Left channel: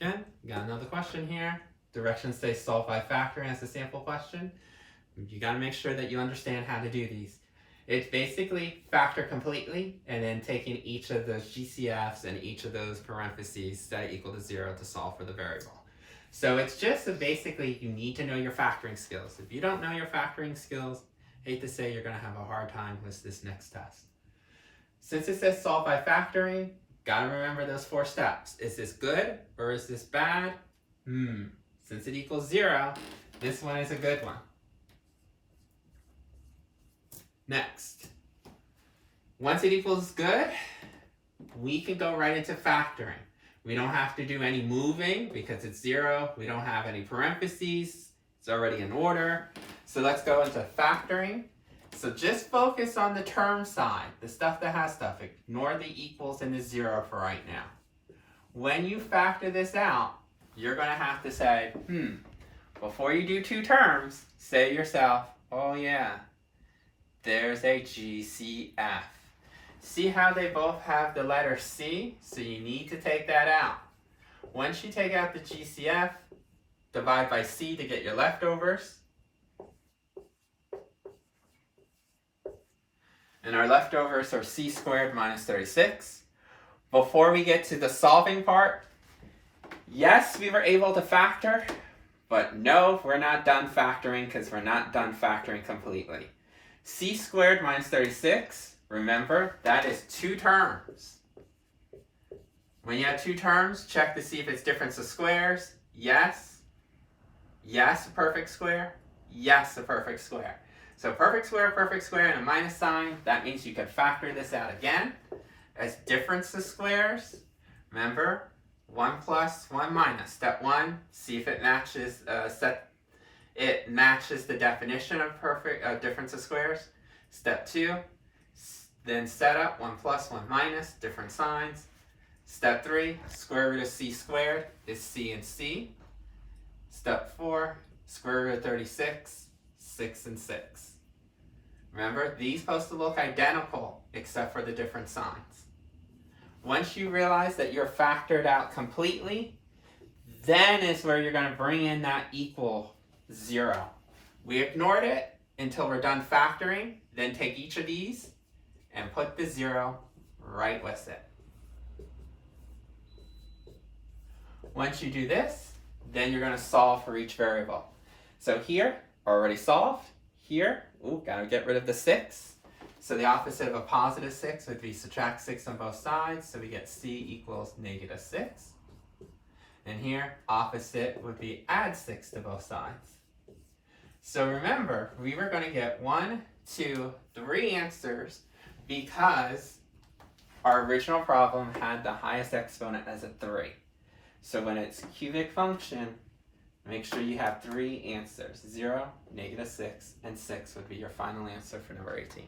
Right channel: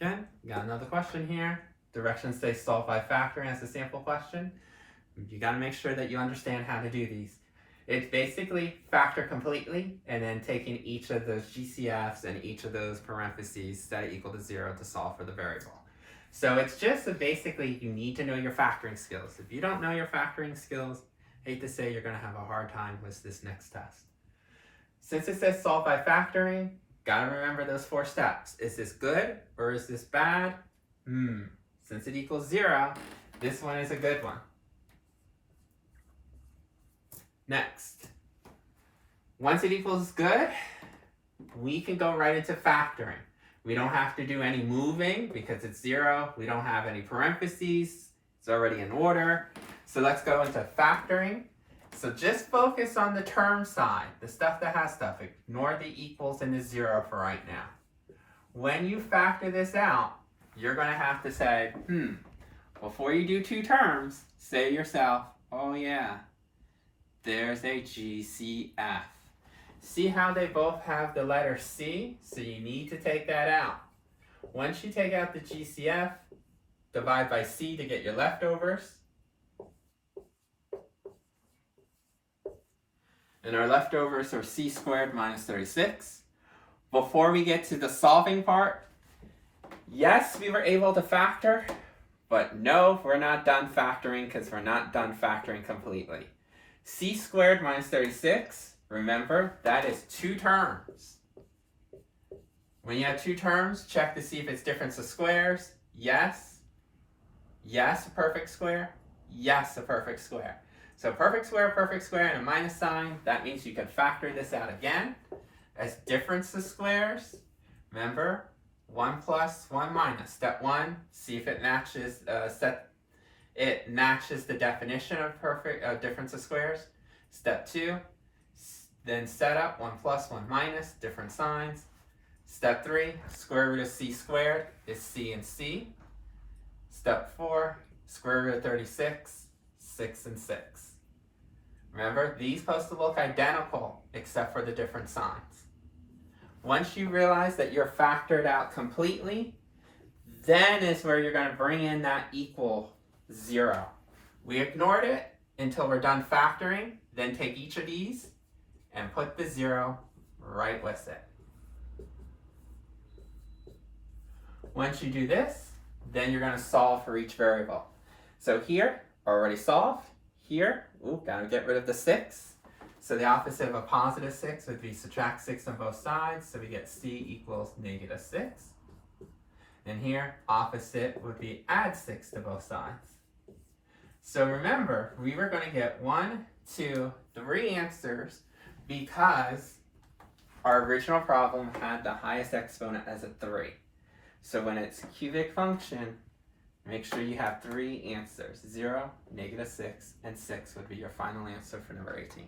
Again, got another question here. Directions say solve by factoring as a sample question. You got to make sure that you understand how to do these. It's basically factor completely and then taking each of those GCFs and each of those parentheses, set it equal to 0 to solve for the variable. So it's just basically you need to know your factoring skills. If you don't know your factoring skills, hate to say you're going to have a hard time with this next test. Since it says solve by factoring, got to remember those 4 steps. Is this good or is this bad? Since it equals 0, this one is a good one. Next, once it equals good, we can go right into factoring. We don't have to do any moving because it's 0. We don't have any parentheses. It's already in order. So let's go into factoring. So just focus on the term side, the stuff that has stuff. Ignore the equals and the 0 for right now. When you factor this out, you're going to have to say, before you do 2 terms, say to yourself, oh yeah, there's a GCF. See how they both have the letter C? So you need to take that out. Once you take out the GCF, divide by C to get your leftovers. And our leftovers are C squared minus 36. Before we get to the solving part, yes, we were able to factor, but no, we're not done factoring because we're not done factoring completely. C squared minus 36, remember, that is 2 terms. When you have 2 terms, check to see if it's difference of squares. Yes. Yes, a perfect square. Yes, a perfect square. So perfect square, and a minus sign, that means you can factor this out again as difference of squares. Remember, 1 plus, 1 minus. Step 1, see if it matches, matches the definition of difference of squares. Step 2, then set up 1 plus, 1 minus, different signs. Step 3, square root of C squared is C and C. Step 4, square root of 36, 6 and 6. Remember, these supposed to look identical except for the different signs. Once you realize that you're factored out completely, then is where you're going to bring in that equal 0. We ignored it until we're done factoring, then take each of these and put the 0 right with it. Once you do this, then you're going to solve for each variable. So here, already solved. Here, gotta get rid of the 6. So the opposite of a positive 6 would be subtract 6 on both sides. So we get C equals negative 6. And here, opposite would be add 6 to both sides. So remember, we were going to get 1, 2, 3 answers because our original problem had the highest exponent as a 3. So when it's a cubic function, make sure you have 3 answers. 0, negative 6, and 6 would be your final answer for number 18.